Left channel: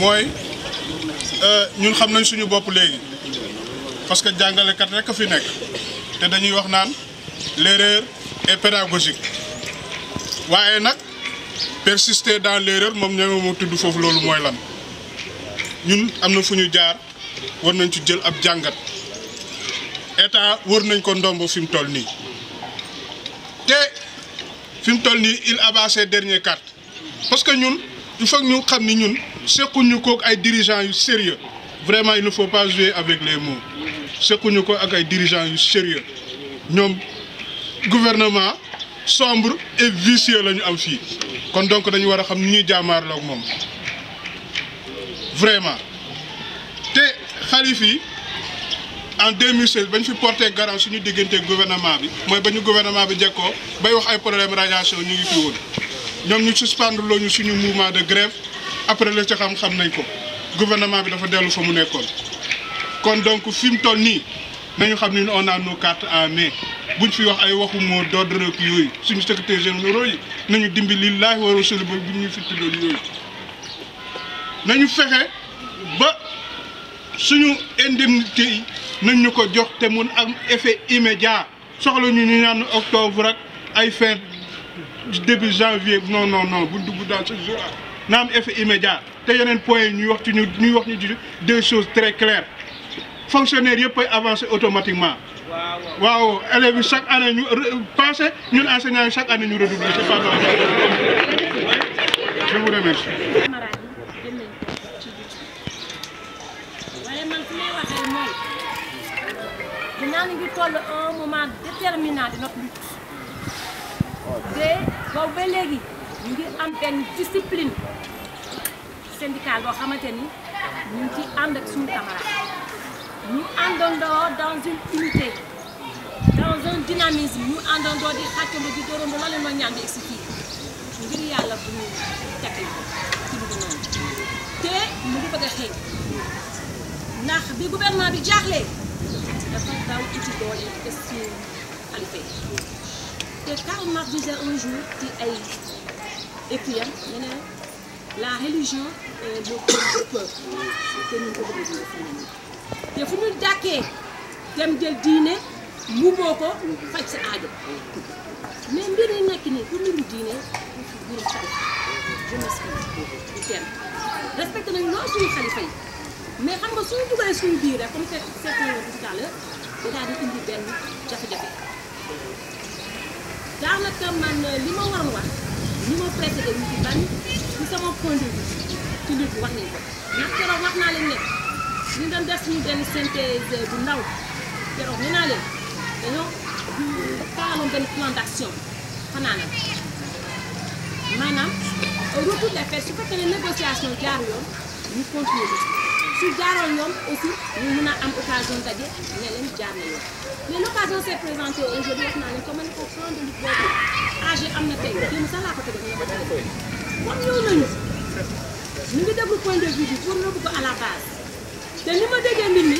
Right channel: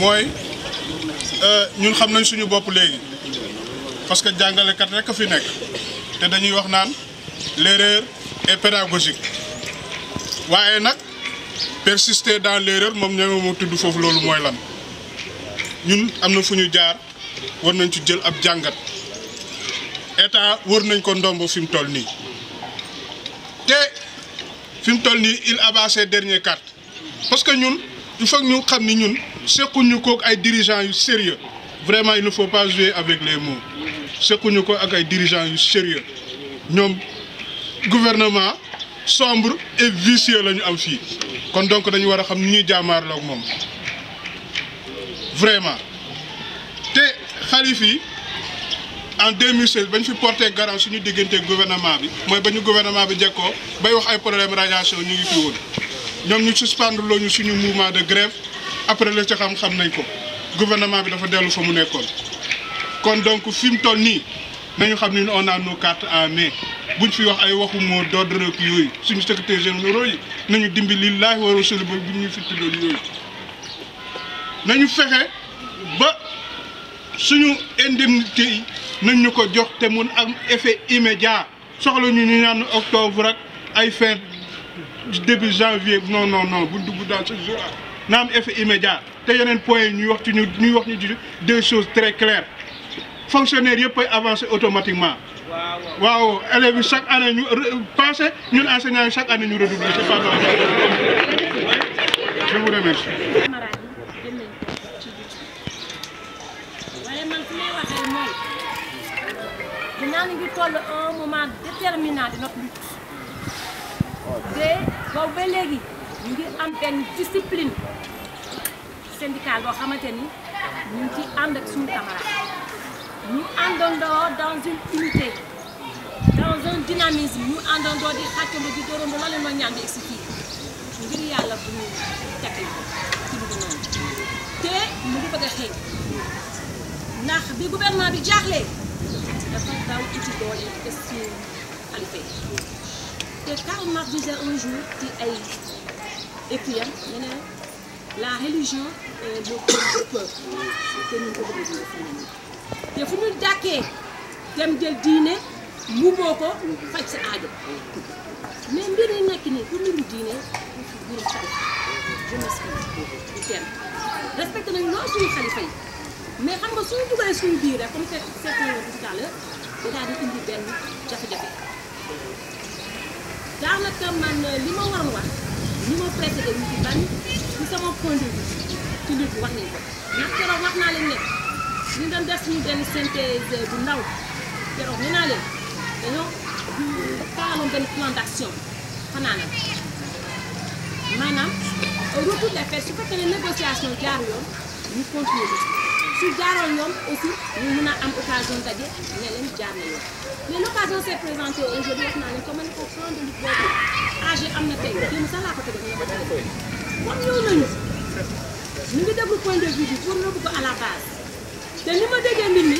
mooy ñun xam nañ suñu bopp léegi parce que jàngalekat rek a fi nekk te dañuy wax naan l'erreur est pédagogique waaye nag persister dans l'erreur moom ñoo ma tudd foofu loolu mooy lan ñun am na fu ñu jaar war nañ ci jël ab jàngat état wër nañ ko ndombo fi mu toll nii te fi mu toll nii il abat ses dernières cartes parce que ñun il faut ñu xam ni ñun sekkuñu ko ak ay dirigeants yu sérieux vraiment il ne faut pas jouer avec les mots sekkuñu ko ak ay dirigeants yu sérieux ñoom gouvernement sombre et vicieux la ñu am fii kon donc dañu war a xam ni ñuy jaamaarloo ak moom vraiment te xalif yi en 2016 bañ fi porté garant suñu diggante gouvernement bi mooy ba ñu gouvernement bi jekkoo bay wax ay problème radiation ñu ngi fi woon ñoom ñu suspendre loo ñu suñu mouvement de grève après la ca xam nañ ko gouvernement bi dafa dellu fa mu nekkoon kon donc fi mu toll nii nañu xam ni on a nos cartes en main buñ fi wax ay waxu moo d'ordre rek yooyu suñu secrétaire général yi nañu dimbi lillaahi wa rasuuli ba bu ñu fi tuddoon yooyu nañu fexe ba suñu indemnité yi nañ ñu ko jox te mun am effet immédiat soxla ñu ñaan octobre ak ay fin début janvier non bu dugg dans ce jour na am effet immédiat te yeneen point yi ñuy wax ñu deux choses très claires fonctionnaires yëpp ay avancer automatiquement waaw élèves yi chaque année ñu passé ñun enseignants yi chaque année ñu redoubler c'est pas normal. Je vous remercie. Nous avons un moment déterminant de notre lutte. Nous avons une discipline syndicale nous sommes avec nos camarades. Nous sommes dans une unité, dans un dynamisme. Nous sommes dans des actes de dafa daw ci doole question xalifa te Karl Marx disait un jour ci ay écriam ne la religion est le peuple te ñu ko bëgg te fu ñu dàkkee dem jël diine mbubboo ko faj sa aajo mais mbir yi nekk nii pour mbiru diine mbiru xalifa je m'explique du terme respecté nañu loolu suñu xalifa yi mais xam nga suñu dugalee suñu biir rek comme c'est tout à l'heure daal di indi benn jafe-jafe daanaka man li ma waroon wax li ma précédé ñu ci ban ci sama point de vue ci lutte bi wax nañ ko ndax keroog wax naa leen ne ñu doon def suñu benn synthèse bu ndaw keroog nee naa leen dañoo taaloon benn plan d'action xanaa nag maanaam retour des faits su fekkee ne négociation jaar yoon ñu continuer su jaaroon yoon aussi ñu mën a am occasion daje ne leen jaar na yoon mais l'occasion s'est présentée aujourd'hui wax naa leen comme ko plan de lutte boobu AG am na tey démb sax laa ko teg ñu ko téléphone comme ñëw nañu ñu ngi déglu point de vue bi pour yóbbu ko à la base te li ma déggee mbir mi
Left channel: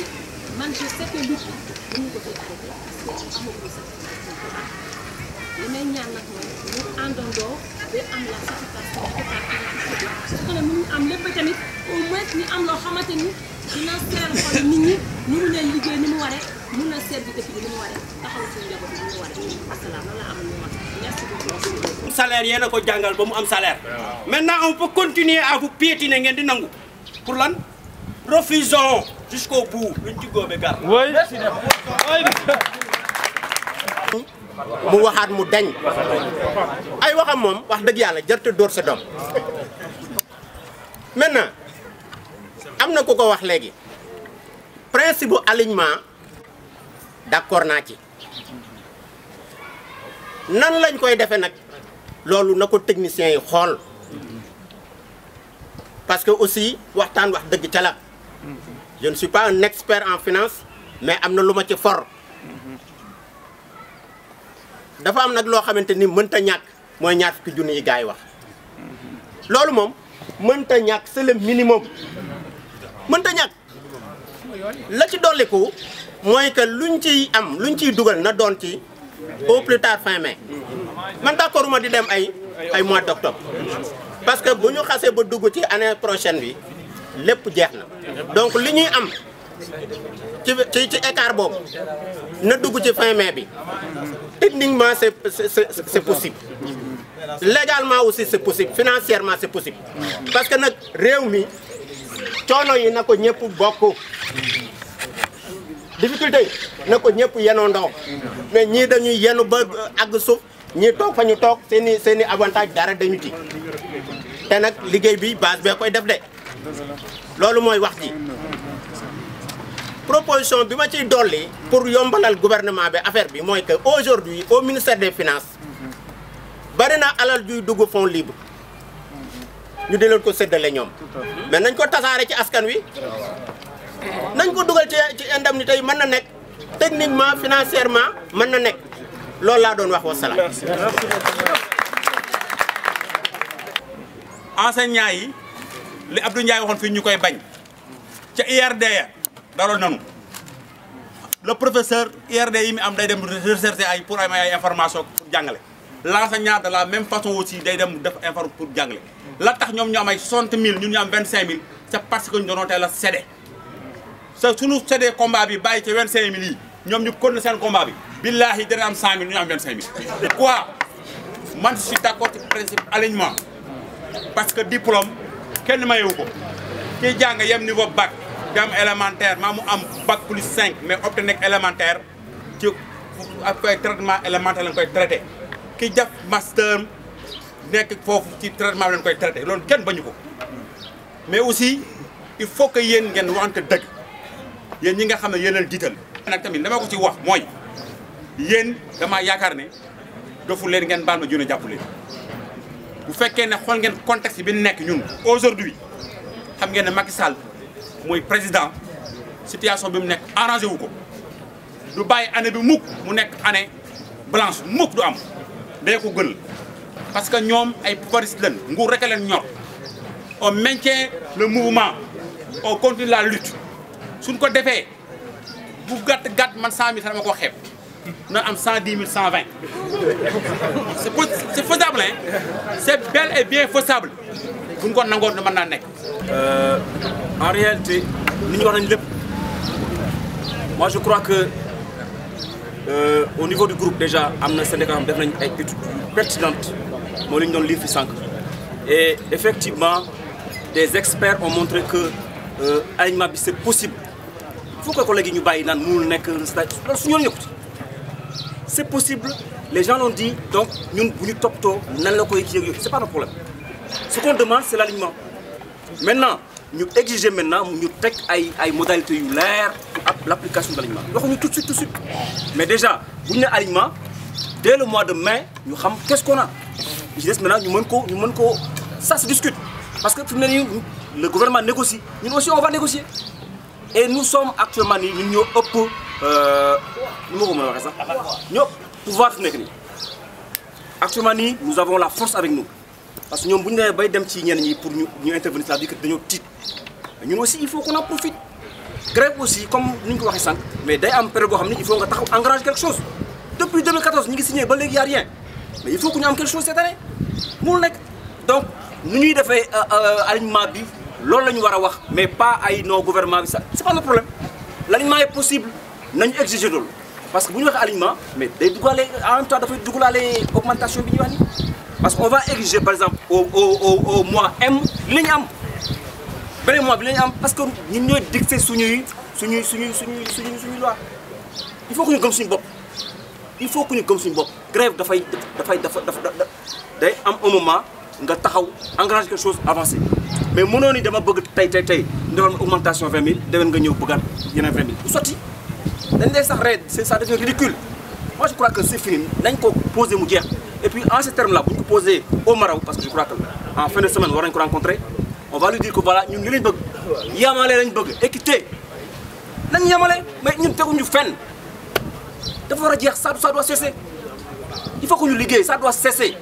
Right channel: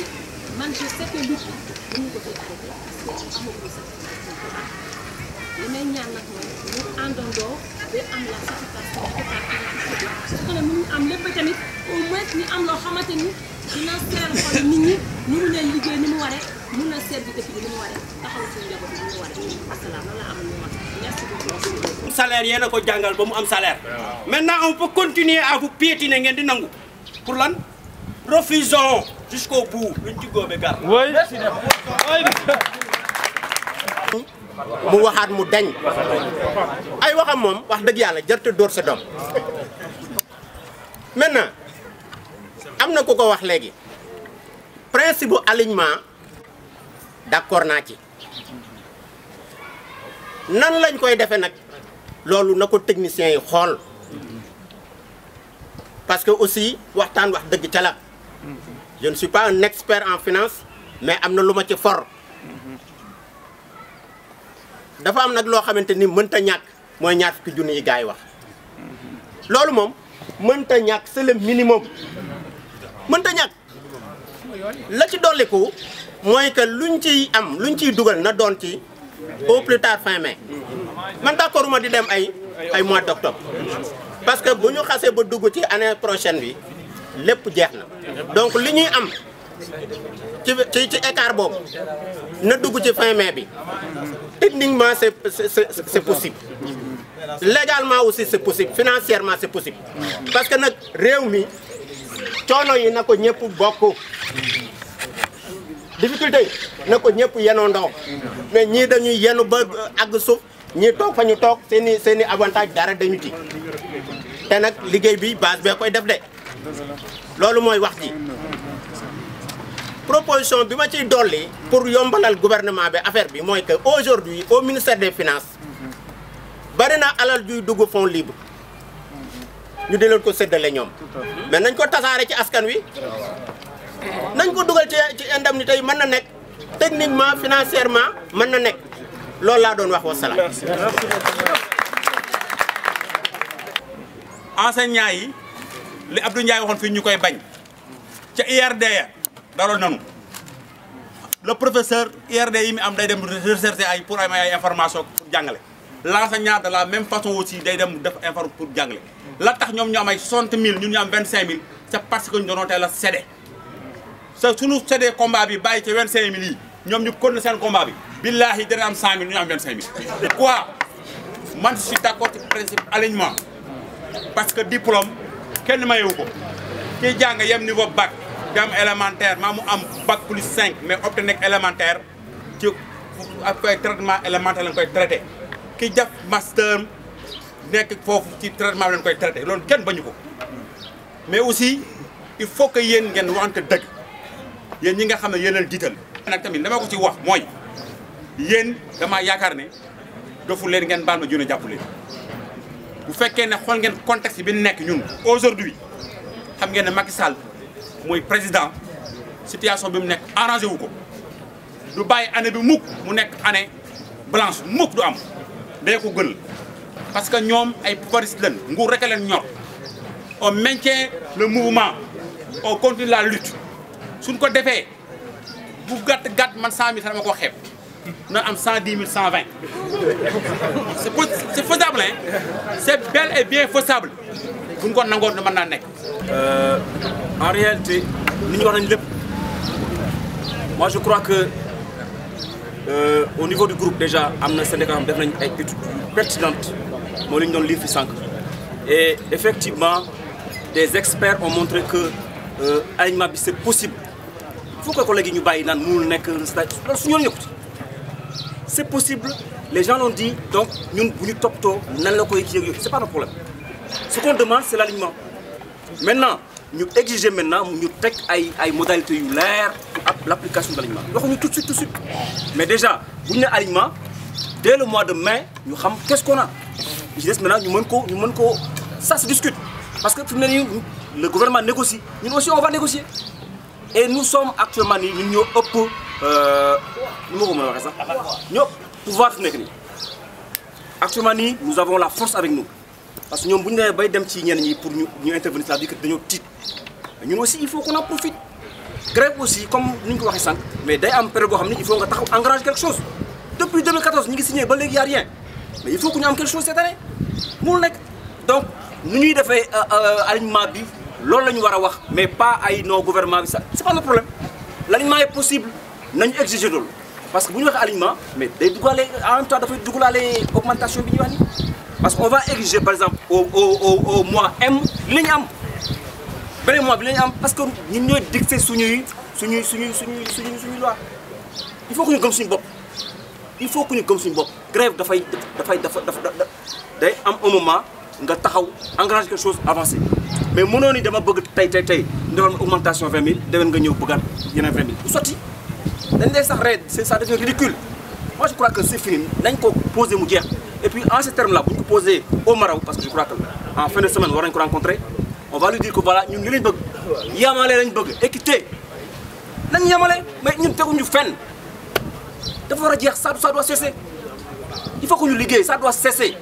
man je sais que lutte bi ñu ko fi arrêté parce que amagul sax li may ñaan nag mooy ñu àndandoo ba am la satisfaction su ko ne mu am lépp tamit au moins ñu am loo xamante ni dina seer xol nit ñi ñu mun leen liggéey ni mu waree mun na seet bi dëkk bi ni mu waree taxaw suñu njaboot bi ni mu waree asalaam loolu la am lu wax merci beaucoup. salaire yéen a ko jàngal ba mu am salaire maintenant on peut continuer à vous piétiner ngeen di nangu pour lan refusons jusqu'au bout luñ ci góobe gar mu waxaat mu dañ ay waxam moom wax dëgg yàlla jërte dóor sa doom maintenant am na ku ko wax léegi principe bu alignement d'accord naa ci nan lañ koy defee nag loolu na ko techniciens yi xool parce que aussi waxtaan wax dëgg ca la je ne suis pas un expert en finance mais am na lu ma ci for dafa am nag loo xamante ni mënta ñàkk mooy ñaar fukki junni yi gars yi wax loolu moom mënta ñàkk c'est le minimum mënta ñàkk la ci dolliku mooy que luñ ciy dugal na doon ci au plus tard fin mai man d'accord ma di dem ay mois d'octobre parce que bu ñu xasee ba dugg ci année prochaine bi lépp jeex na donc li ñuy am ci écart boobu na dugg ci fin mai bi techniquement c'est possible légalement aussi c'est possible financièrement c'est possible parce que nag réew mi coono yi na ko ñëpp bokk difficulté yi na ko ñëpp yenoo ndaw mais ñii dañuy yenu ba àgg suuf ñii toog fa ñu toog seeni avantage dara dañu ci te nag liggéey bi base bee koy def de loolu mooy wax ji proposition bi ma ciy dolli pour yombalal gouvernement bi affaire bi mooy que aujourd'hui au ministère des finances bari na alal juy dugg fonds libre ñu di leen ko séddale ñoom mais nañ ko tasaare ci askan wi nañ ko dugal ci indemnité yi mën na nekk techniquement financièrement mën na nekk loolu laa doon wax wasalaam. enseignants yi li Abdou Ndiaye waxoon fii ñu koy bañ ca IRD ya daloon nanu le professeur IRD yi mi am day dem rechercher ay pour ay information pour jàngale l'enseignant de la même façon aussi day dem def information pour jàngale la tax ñoom ñu am ay 60 000 ñun ñu am 25 000 c'est parce que ñu doon teel a cédé sa suñu cédé combat bi bàyyi ci 25 000 yi ñoom ñu continué seen combat bi billahi dana am 100 000 ñu am 25 000 quoi man je suis d'accord ci principe alignement parce que diplôme kenn mayewu ko kii jàng yem niveau bac di am élémentaire maa mu am bac plus 5 mais obtenir élémentaire ci ak koy traitement élémentaire lañ koy traité ki def master nekk foofu ci traitement lañ koy traité loolu kenn bañu ko mais aussi il faut que yéen ngeen waxante dëgg yéen ñi nga xam ne yéen leen jiital nag tamit dama ko ci wax mooy yéen damaa yaakaar ne dofu leen ngeen baal ma juna jàpp leen bu fekkee ne xool ngeen contexte bi nekk ñun aujourd'hui xam ngeen ne Macky Sall mooy président situation bi mu nekk arrangé wu ko du bàyyi année bi mukk mu nekk année blanche mukk du am day ko gën parce que ñoom ay pouvoiristes lañ nguur rek leen ñor on maintient le mouvement on continue la lutte suñ ko defee bu gàtt man 100 000 sax dama ko xeeb na am 110 000 120 c'est faisable hein c'est bel et bien faisable bu ñu ko nangoon mën naa nekk. En réalité li ñu wax nañu lépp moi je crois que au niveau du groupe déjà am na syndicat def nañ ay études pertinentes moo li ñu doon lire fi sànq et effectivement des experts ont montré que alignement bi c'est possible il faut que collègues yi ñu bàyyi naan mënul nekk loolu su ñu yoon yëkkati c'est possible les gens l'ont dit donc ñun bu ñu toppatoo nan la koy kii c'est pas notre problème ce qu'on demande c'est l'alignement maintenant ñu exiger maintenant ñu teg ay modalités yu leer pour l'application de l'alignement waxuñu tout de suite mais déjà bu ñu nee alignement dès le mois de mai ñu xam qu'est-ce qu'on a je dis maintenant ñu mën ko ça se discute parce que fi mu ne nii le gouvernement négocie ñun aussi on va négocier et nous sommes actuellement nii ñun ñoo ëpp nu ma ko mën a waxee sax ñoo pouvoir fi nekk nii actuellement nii nous avons la force avec nous parce que ñoom bu ñu nee bay dem ci ñenn ñi pour ñu intervenir c'est-à-dire que dañoo tiit ñun aussi il faut qu'on en profite grève aussi comme ni ñu ko waxee sànq mais day am période boo xam ne il faut nga taxaw engager quelque chose depuis 2014 ñu ngi signé ba léegi y a rien mais il faut que ñu am quelque chose cette année mënul nekk donc nu ñuy defee alignement bi loolu la ñu war a wax mais pas ay non gouvernement bi ça c'est pas notre problème l'alignement est possible nañu exiger loolu parce que bu ñu waxee alignement mais day duggaale en même temps dafay dugalaale augmentation bi ñuy wax ni parce qu'on va exiger par exemple au mois M li la ñu am beneen mois bi la ñu am parce que ñun ñooy dicter suñuy loi il faut que ñu gëm suñu bopp il faut que ñu gëm suñu bopp grève dafay day am un moment nga taxaw engager quelque chose avancé mais mënoo ni dama bëgg tey defal ma augmentation 20 000 déwén nga ñëw bëggaat yeneen 20 000 bu sotti dañ lay sax reet ça devient ridicule moi je crois que c'est fini nañ ko poser mu jeex et puis en ce terme là bu ñu ko poser au Maraw parce que je crois que en fin de semaine war nañ ko rencontrer on va lui dire que voilà ñun li lañ bëgg yamale lañ bëgg équité nañ yamale mais ñun teguñu fenn dafa war a jeex ça doit cesser il faut que ñu liggéey ça doit cesser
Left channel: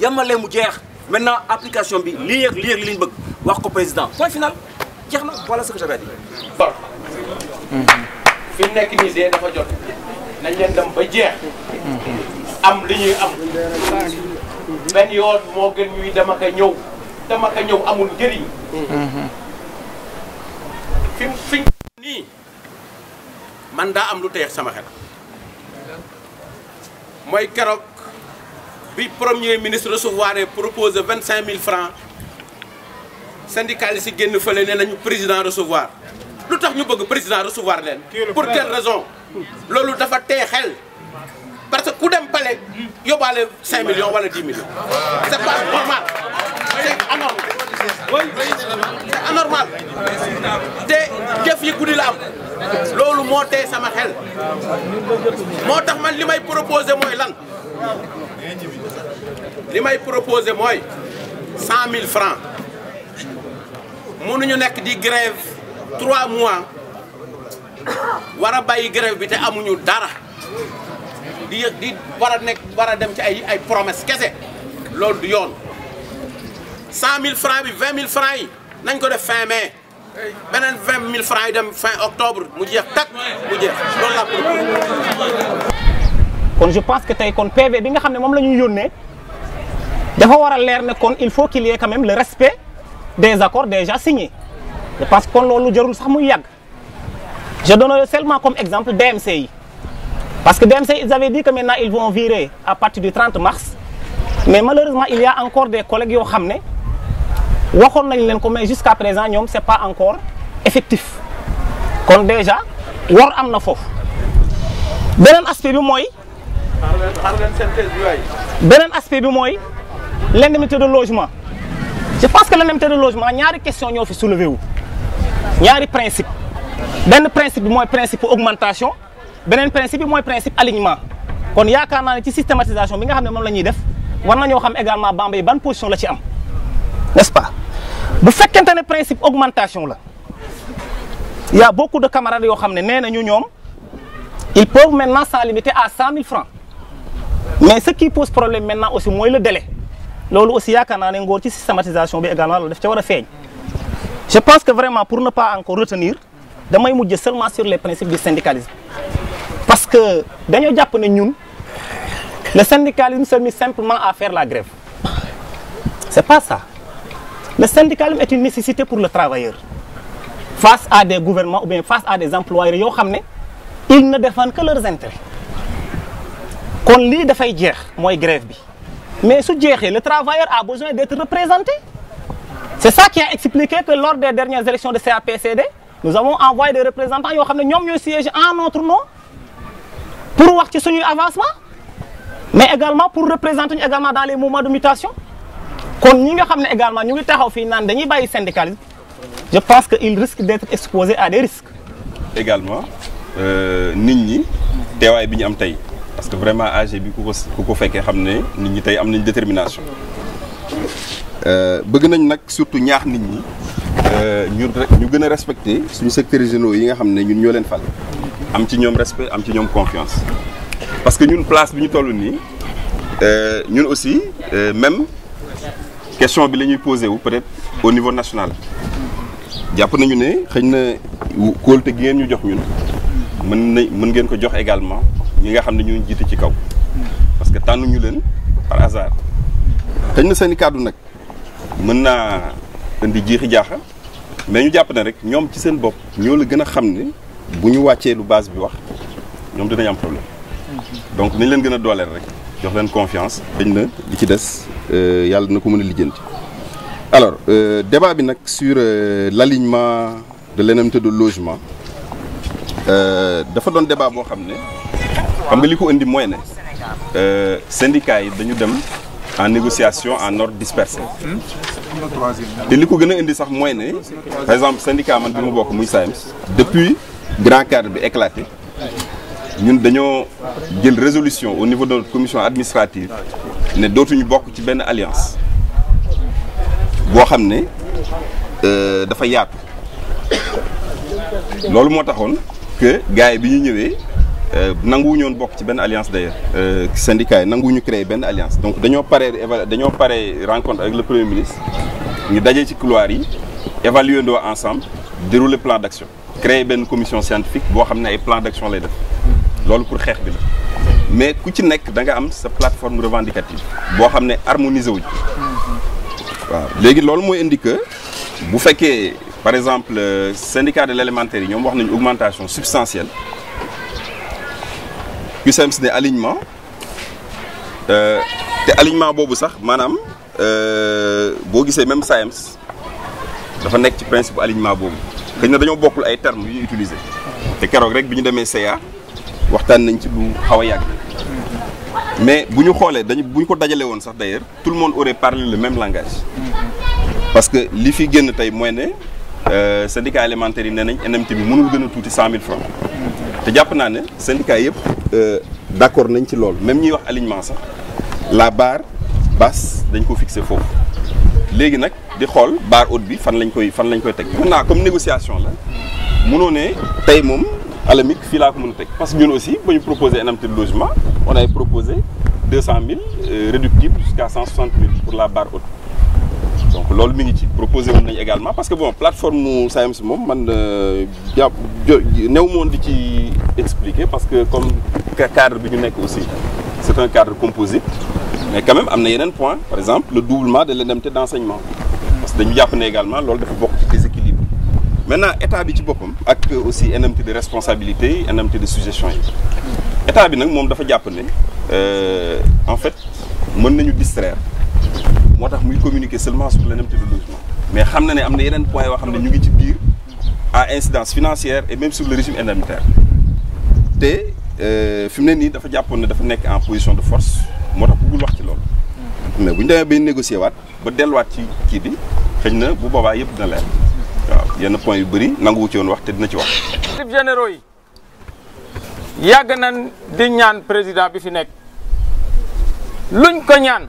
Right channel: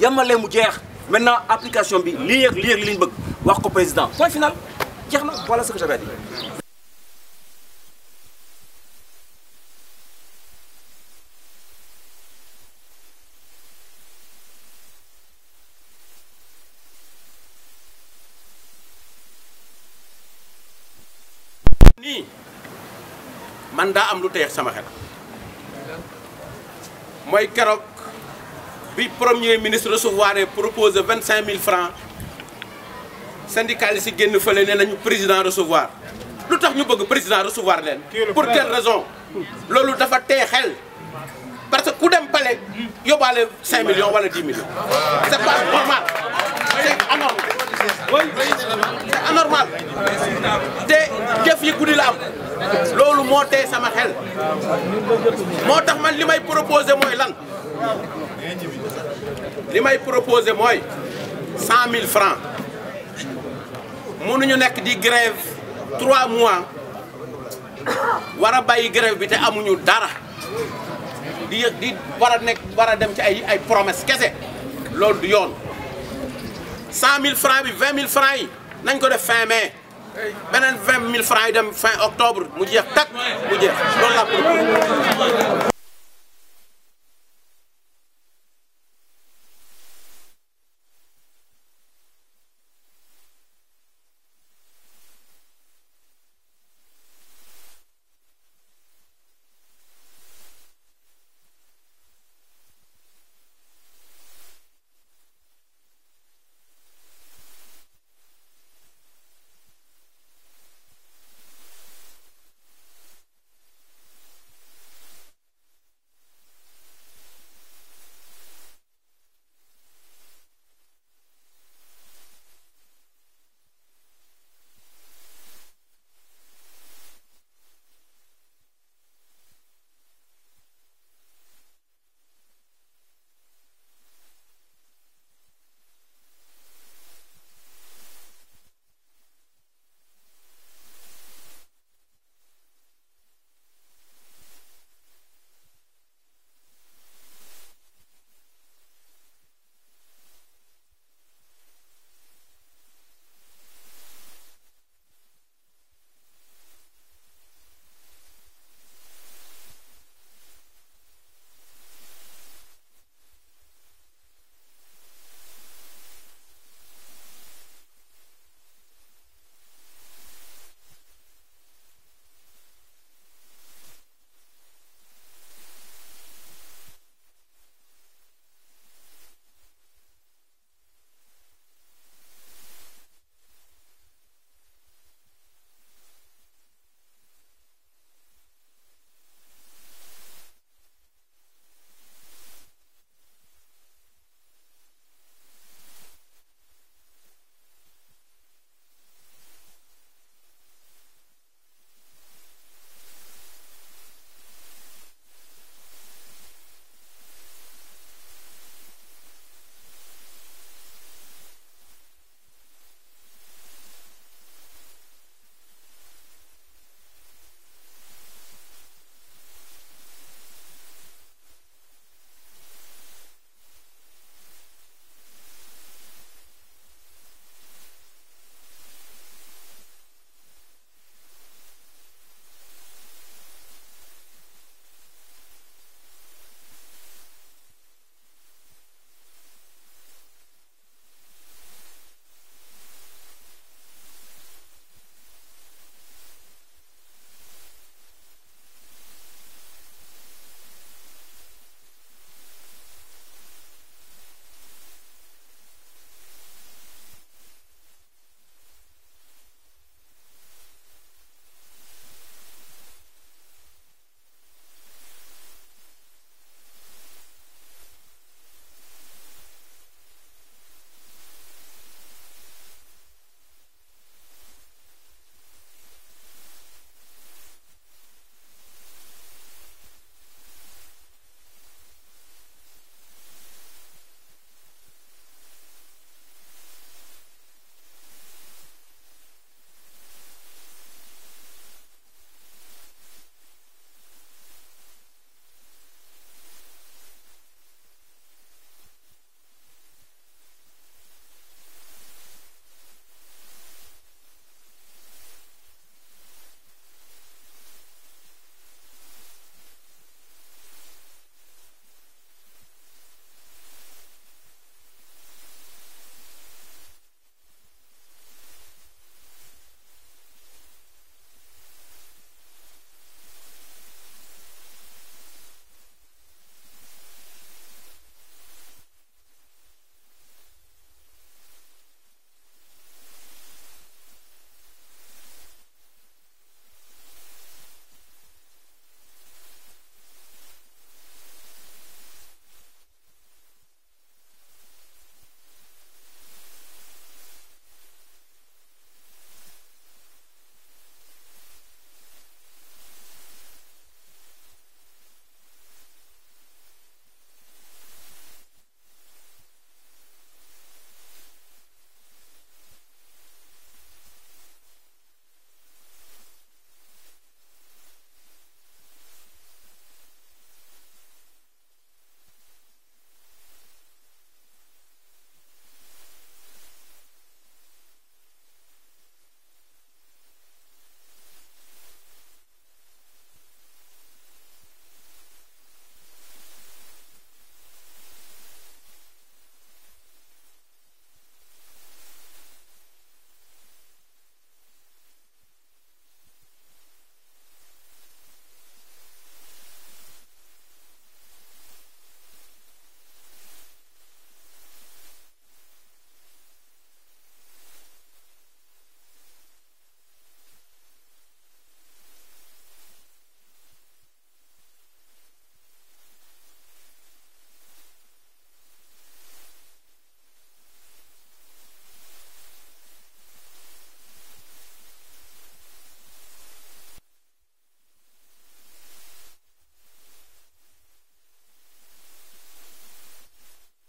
yamale mu jeex maintenant application bi lii ak lii lañ bëgg wax ko président point final jeex na voilà ce que j'avais dit. fi mu nekk nii de dafa jot nañ leen dem ba jeex am li ñuy am benn yoon moo gën ñuy dem ak a ñëw dem ak a ñëw amul njëriñ. fi nii man daa am lu teex sama xel mooy keroog bi premier ministre recevoir proposé 25 000 francs syndicalistes yi génn fële ne nañu président recevoir lu tax ñu bëgg président recevoir leen pour quelle raison loolu dafa tee xel parce que ku dem palais yóbbaale 5 millions wala 10 millions c'est pas normal c'est anormal c'est anormal te jëf yi guddi la am loolu moo tee sama xel moo tax man li may proposé mooy lan li may proposé mooy 100 000 francs mënuñu nekk di grève 3 mois war a bàyyi grève bi te amuñu dara di war a dem ci ay promesse kese loolu du yoon 100 000 francs bi 20 000 francs yi nañ ko def fin mai beneen 20 000 francs yi dem fin octobre mu jeex tak mu jeex loolu la proposé. kon je pense que tey kon PV bi nga xam ne moom la ñuy yónnee dafa war a leer ne kon il faut qu'il y ait quand même le respect des accords déjà signés je pense que kon loolu jarul sax muy yàgg je donne seulement comme exemple DMC yi parce que DMC ils avaient dit que maintenant ils vont virer à partir du 30 mars mais malheureusement il y a encore des collègues yoo xam ne waxoon nañ leen ko mais jusqu'à présent ñoom c'est pas encore effectif kon déjà war am na foofu beneen aspect bi mooy l'indemnité de logement je pense que l'indemnité de logement ñaari question ñoo fi soulevé wu ñaari principe benn principe bi mooy principe augmentation beneen principe bi mooy principe alignement kon yaakaar naa ne ci systématisation bi nga xam ne moom la ñuy def war nañoo xam également Bambey ban position la ci am n'est-ce pas bu fekkente ne principe augmentation la il y a beaucoup de camarades yoo xam ne nee nañu ñoom ils peuvent maintenant s'en limiter à 100 000 francs mais ce qui pose problème maintenant aussi mooy le délai loolu aussi yaakaar naa ne ngóor ci systématisation bi également loolu daf ca war a feeñ je pense que vraiment pour ne pas encore retenir damay mujj seulement sur les principes du syndicalisme parce que dañoo jàpp ne ñun le syndicalisme se limite simplement à faire la grève c'est pas ça le syndicalisme est une nécessité pour le travailleur face à des gouvernements ou bien face à des employeurs yoo xam ne ils ne défendent que leurs intérêts kon lii dafay jeex mooy grève bi mais su jeexee le travailleur a besoin d'être représenté c'est ça qui a expliqué que lors des dernières élections de CAPCD nous avons envoyé des représentants yoo xam ne ñoom ñooy siéger en notre nom pour wax ci suñuy avancement mais également pour représenter ñu également dans les mouvements de mutation kon ñi nga xam ne également ñu ngi taxaw fii naan dañuy bàyyi syndicalisme je pense que il risque d'être exposé à des risques. également nit ñi teewaay bi ñu am tey parce que vraiment AG bi ku ko fekkee xam ne nit ñi tey am nañ détermination bëgg nañ nag surtout ñaax nit ñi ñu gën a respecter suñu secteurs généraux yi nga xam ne ñun ñoo leen fal am ci ñoom respect am ci ñoom confiance parce que ñun place bi ñu toll nii ñun aussi même question bi la ñuy posé wu peut-être au niveau national jàpp nañu ne xëy na kóolute gi ngeen ñu jox ñun mën ngeen ko jox également ñi nga xam ne ñu jiite ci kaw parce que tànnuñu leen par hasard xëy na seen i kàddu nag mën naa indi jiixi jaaxa mais ñu jàpp ne rek ñoom ci seen bopp ñoo la gën a xam ne bu ñu wàccee lu base bi wax ñoom dinañ am problème donc nañ leen gën a dooleel rek jox leen confiance xëy na li ci des yàlla na ko mën a lijjanti. alors débat bi nag sur l'alignement de l'indemnité de logement dafa doon débat boo xam ne xam nga li ko indi mooy ne syndicats yi dañu dem en négociation en ordre dispersé te li ko gën a indi sax mooy ne par exemple syndicat man bi mu bokk muy SAEMS depuis grand cadre bi éclaté ñun dañoo jël résolution au niveau de notre commission administrative ne dootuñu bokk ci benn alliance boo xam ne dafa yaatu loolu moo taxoon que gars yi bi ñu ñëwee nanguwuñu woon bokk ci benn alliance d'ailleurs syndicats yi nanguwuñu créer benn alliance donc dañoo pare rencontre avec le premier ministre ñu dajee ci couloir yi évaluer ndoo ensemble dérouler plan d'action créer benn commission scientifique boo xam ne ay plan d'action lay def loolu pour xeex bi la mais ku ci nekk da nga am sa plateforme revendicative boo xam ne harmonisé wuñ waaw léegi loolu mooy indi que bu fekkee par exemple syndicat de l'élémentaire yi ñoom wax nañu augmentation substantielle CUSEMS ne alignement te alignement boobu sax maanaam boo gisee même SAEMS dafa nekk ci principe alignement boobu xëy na dañoo bokkul ay termes yu ñu utiliser te keroog rek bi ñu demee CA waxtaan nañ ci lu xaw a yàgg mais bu ñu xoolee bu ñu ko dajale woon sax d'ailleurs tout le monde aurait parlé le même langage parce que li fi génn tey mooy ne syndicat élémentaire yi nee nañ NMT bi mënul gën a tuuti 100 000 francs te jàpp naa ne syndicat yëpp d'accord nañ ci loolu même ñuy wax alignement sax la barre basse dañ ko fixé foofu léegi nag di xool barre haute bi fan lañ koy teg maintenant comme négociation la mënoo ne tey moom alamique fii laa ko mën a teg parce que ñun aussi ba ñu proposé indemnité de logement on avait proposé 200 000 réductible jusqu'à 160 000 pour la barre haute donc loolu mi ngi ci proposé woon nañu également parce que bon plateforme mu SAEMS moom man néew moon di ci expliquer parce que comme cadre bi ñu nekk aussi c'est un cadre composite mais quand même am na yeneen point par exemple le doublement de l'indemnité d'enseignement parce que dañu jàpp ne également loolu dafa bokk ci déséquilibre maintenant état bi ci boppam ak aussi indemnité de responsabilité indemnité de suggestion yi état bi nag moom dafa jàpp ne en fait mën nañu distraire moo tax muy communiquer seulement sur l'indemnité de logement mais xam na ne am na yeneen points yoo xam ne ñu ngi ci biir à incidence financière et même sur le régime indemnitaire te fi mu ne nii dafa jàppoon ne dafa nekk en position de force moo tax bëggul wax ci loolu mais bu ñu demee bay négocier waat ba delluwaat ci kii bi xëy na bu boobaa yëpp dina leer waaw yenn points yu bëri nanguwu ci woon wax te dina ci wax. directeurs généraux yi yàgg nañ di ñaan président bi fi nekk luñ ko ñaan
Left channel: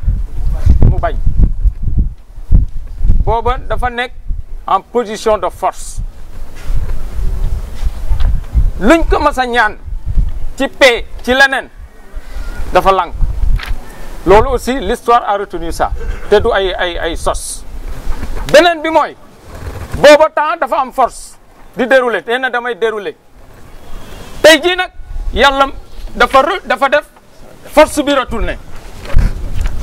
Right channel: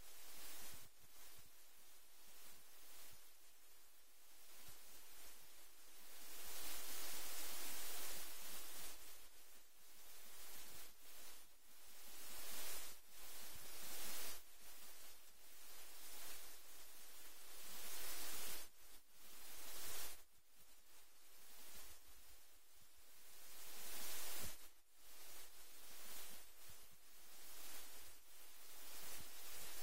mu bañ booba dafa nekk en position de force luñ ko mas a ñaan ci paix ci leneen dafa lànk loolu aussi l'histoire a retenu ça te du ay sos beneen bi mooy booba temps dafa am force di dérouler te na damay dérouler tey jii nag yàlla dafa def force bi retourné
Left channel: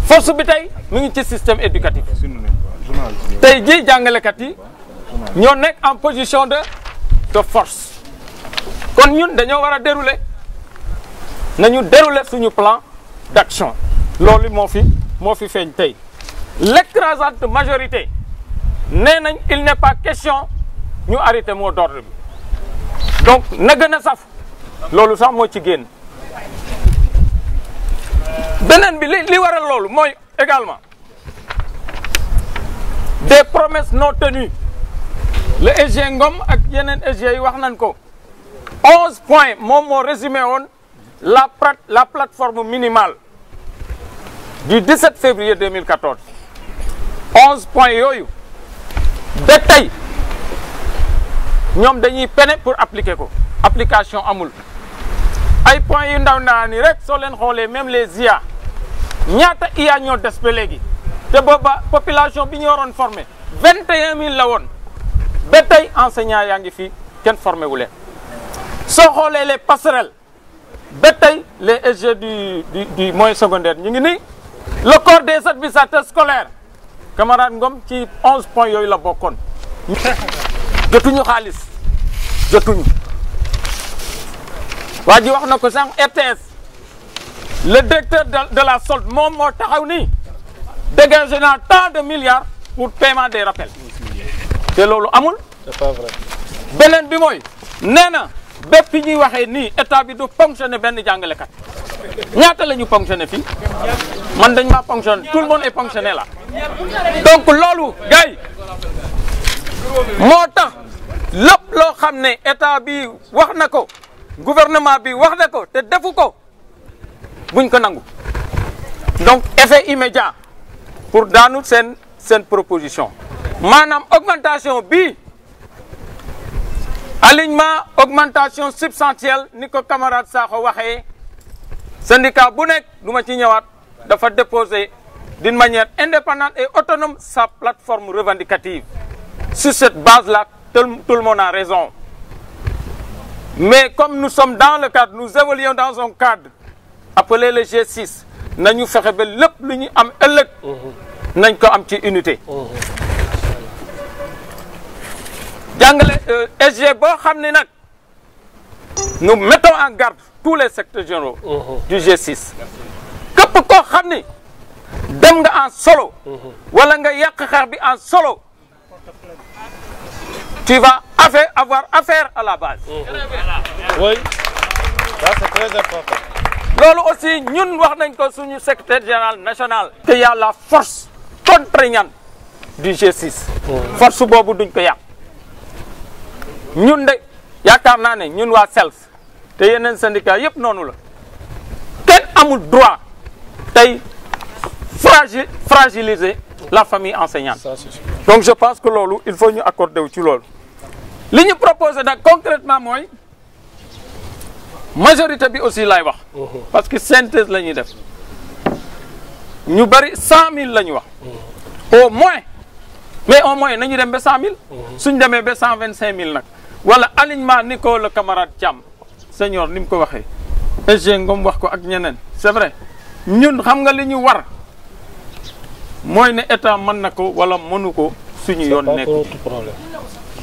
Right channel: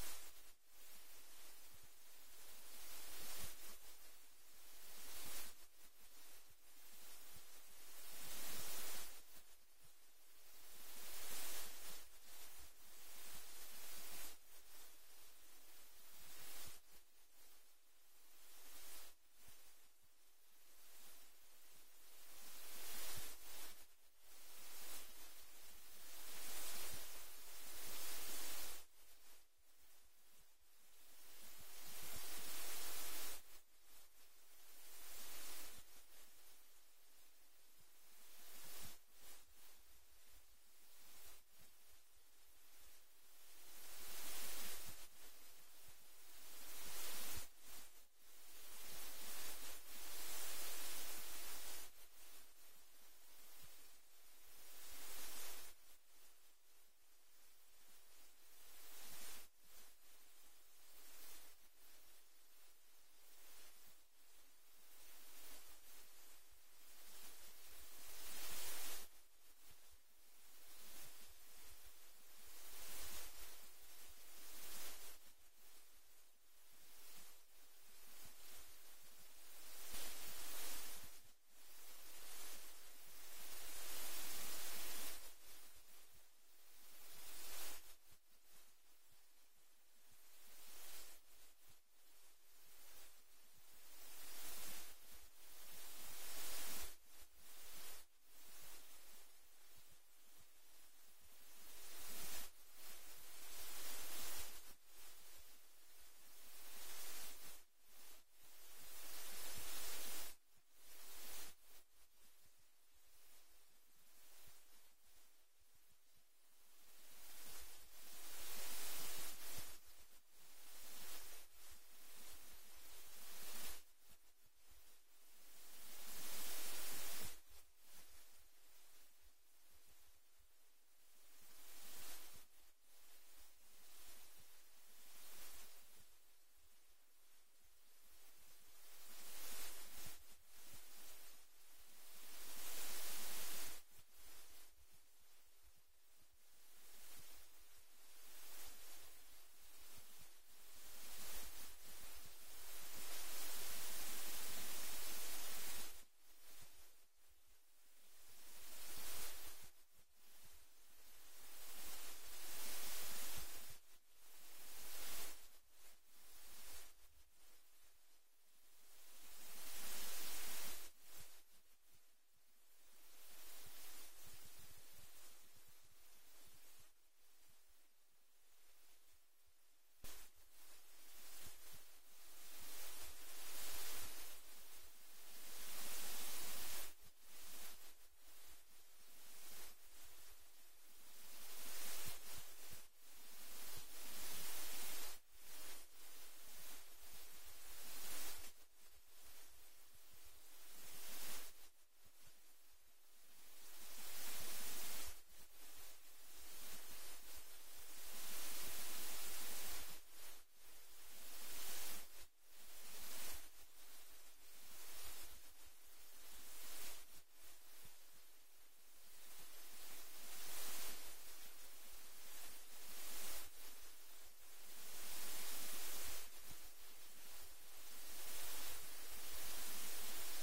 force bi tey mu ngi ci système éducatif tey jii jàngalekat yi ñoo nekk en position de force kon ñun dañoo war a dérouler nañu dérouler suñu plan d'action loolu moo fi feeñ tey l'écrasante majorité nee nañ il n'est pas question ñu arrêter mot d'ordre bi donc na gën a saf loolu sax moo ci génn beneen bi li waral loolu mooy également des promesses non tenues le SG Ngom ak yeneen SG yi wax nañ ko 11 points moom moo résumé woon la plateforme minimale du 17 février 2014 11 points yooyu ba tey ñoom dañuy peine pour appliquer ko application amul ay points yu ndaw ni rek soo leen xoolee même les IA ñaata IA ñoo des ba léegi te booba population bi ñu waroon formé 21 000 la woon ba tey enseignants yaa ngi fi kenn formé wu leen soo xoolee les passerelles ba tey les SG du moyen secondaire ñu ngi nii le corps des administrateurs scolaires camarade Ngom ci 11 points yooyu la bokkoon jotuñu xaalis jotuñu waa ji wax na ko sànq RTS le directeur de la solde moom moo taxaw nii dégagé na tant de milliards pour paiement des rappels te loolu amul. c'est pas vrai. beneen bi mooy nee na bépp ñuy waxee nii état bi du ponctionner benn jàngalekat ñaata la ñu ponctionner fii man dañ maa ponctionner tout le monde est ponctionné là donc loolu gars yi moo tax lépp loo xam ne état bi wax na ko gouvernement bi wax na ko te defu ko buñ ko nangu donc effet immédiat pour daanu seen proposition maanaam augmentation bi alignement augmentation substantielle ni ko camarade Sakho waxee syndicat bu nekk du ma ci ñëwaat dafa déposer d'une manière indépendante et autonome sa plateforme revendicative sur cette base-là tout le monde a raison mais comme nous sommes dans le cadre nous évoluons dans un cadre appelé le G6 nañu fexe ba lépp lu ñu am ëllëg nañ ko am ci unité jàngale SG boo xam ne nag nous mettons en garde tous les secteurs généraux du G6 képp koo xam ni dem nga en solo wala nga yàq xeex bi en solo tu vas avoir affaire à la base. Oui, ça c'est très important. loolu aussi ñun wax nañ ko suñu secrétaire général national. que y a la force contraignante du G6. force boobu duñ ko yàq ñun de yaakaar naa ne ñun waa SELS te yeneen syndicat yëpp noonu la kenn amul droit tey fragiliser la famille enseignante. Donc je pense que loolu il faut ñu accorder wu ci loolu. li ñu proposé nag concrètement mooy majorité bi aussi lay wax. parce que synthèse la ñuy def ñu bari 100 000 la ñu wax. au moins mais au moins nañu dem ba 100 000. suñ demee ba 125 000 nag. wala alignement ni ko le camarade Thiam senior ni mu ko waxee. SG Ngom wax ko ak ñeneen c'est vrai ñun xam nga li ñu war. mooy ne état mën na ko wala mënu ko suñu yoon nekk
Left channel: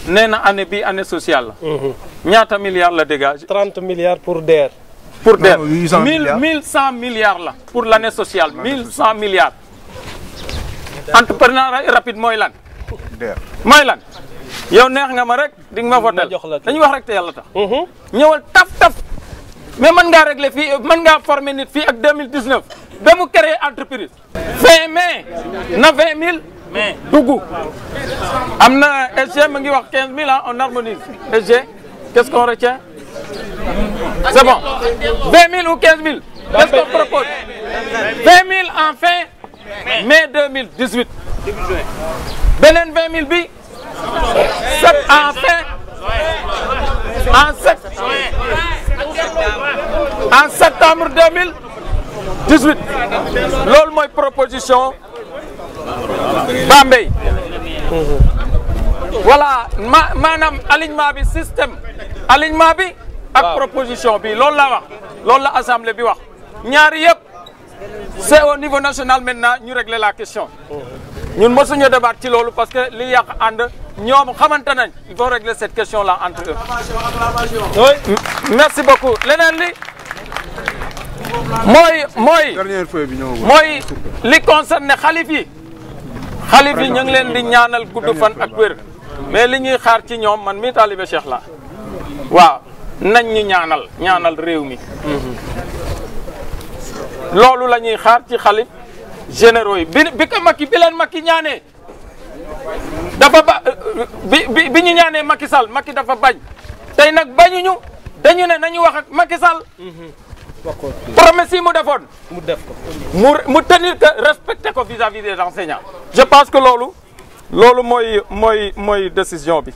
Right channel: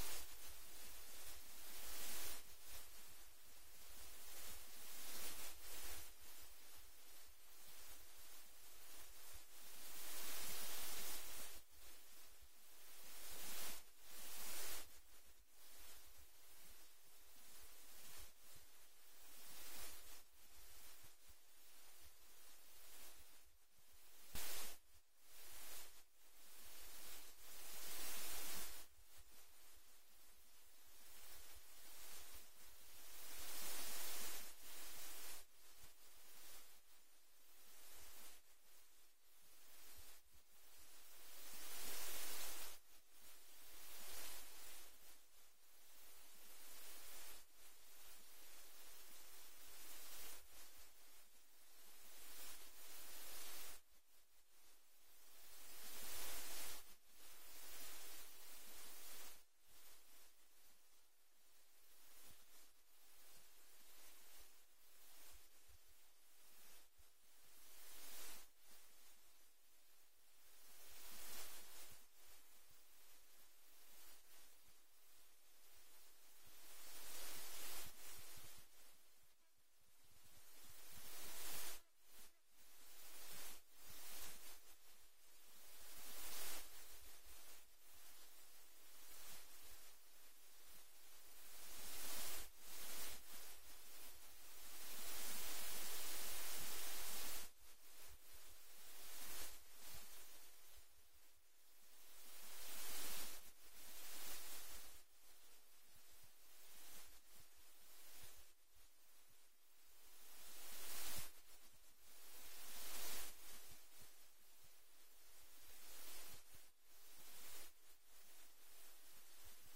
nee na année bi année sociale la ñaata milliards la dégage 30 milliards pour DER pour DER 1100 milliards la pour l'année sociale 1100 milliards entrepreneuriat rapide mooy lan mooy lan yow neex nga ma rek di nga ma votel dañuy wax rek te yàlla tax ñëwal taf mais mën ngaa régler fii mën ngaa former nit fii ak 2019 ba mu créer entreprise fin mai na 20 000 dugg am na SG ma ngi wax 15 000 ah on harmonise SG qu'est-ce qu'on retient c'est bon 20 000 ou 15 000 qu'est-ce qu'on propose 20 000 en fin mai 2018 beneen 20 000 bi en fin en septembre 2018 loolu mooy proposition Bambey voilà maanaam alignement bi système alignement bi ak proposition bi loolu la wax loolu la assemblée bi wax ñaari yëpp c'est au niveau national maintenant ñu régler la question ñun mosuñu débat ci loolu parce que li yàq ànd ñoom xamante nañ il faut régler cette question là entre eux. Oui. Merci beaucoup leneen li mooy li concerne xalif yi ñu ngi leen di ñaanal gudd fan ak wér mais li ñuy xaar ci ñoom man mi taalibe Cheikh la waaw nañ ñu ñaanal réew mi loolu la ñuy xaar ci xalif généraux yi bi ko Macky bi leen Macky ñaanee dafa bi ñu ñaanee Macky Sall Macky dafa bañ tey nag bañuñu dañu ne nañu wax ak Macky Sall promesse yi mu defoon mu def ko mu tenir que respecter ko vis-à-vis des enseignants je pense que loolu mooy décision bi